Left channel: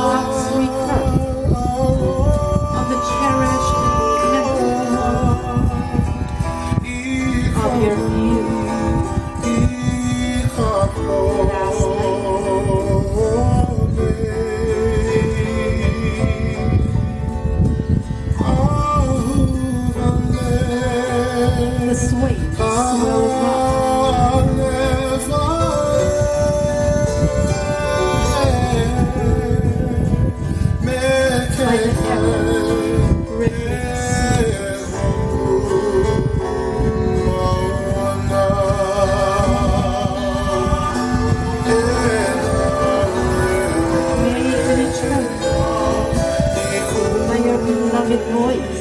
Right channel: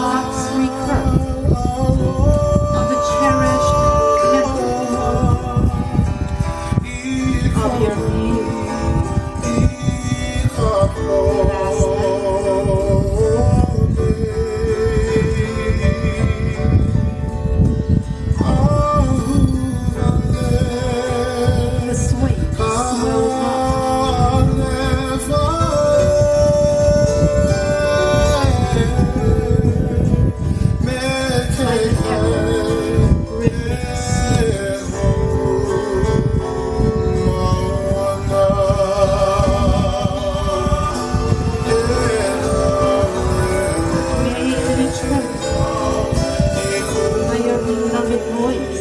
God's request of the cherished memory of your beauty last night. The sweet smells like an ever-rippling May we tremble by your beloved voice.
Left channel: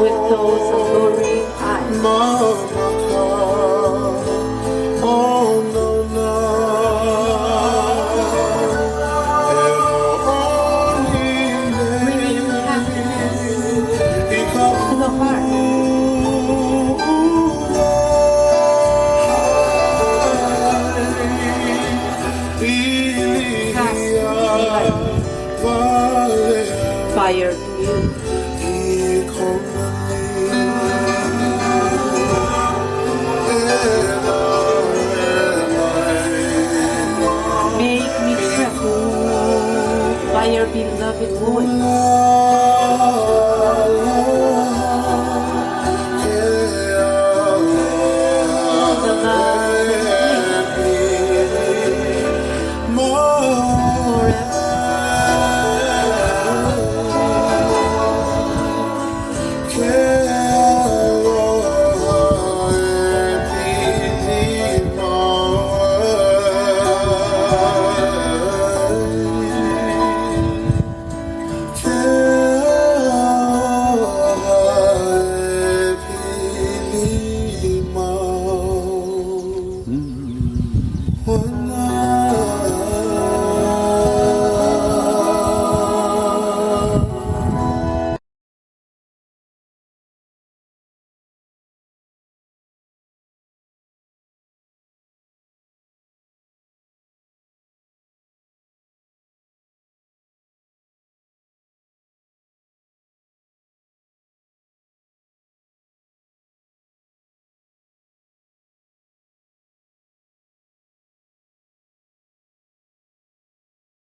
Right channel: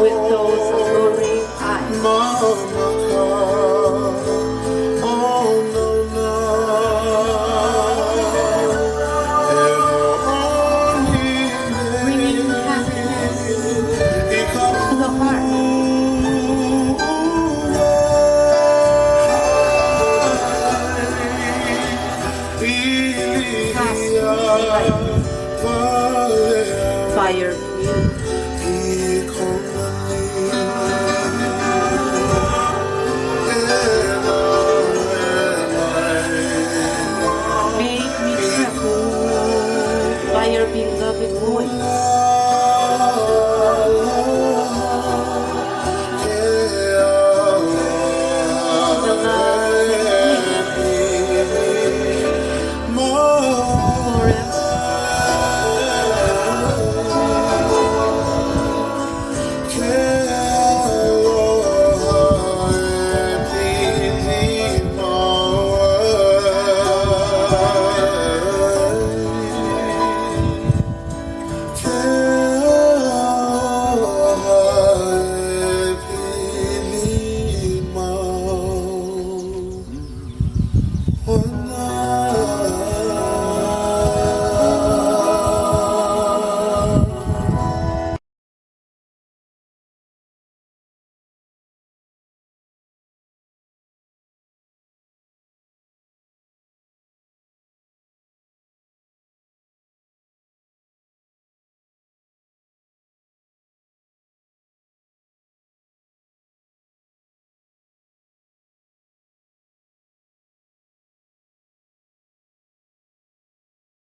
With those alluring eyes, bringing happiness to the heart. Cast me light by your beauty. Make me tremble by your beloved voice. The love and peace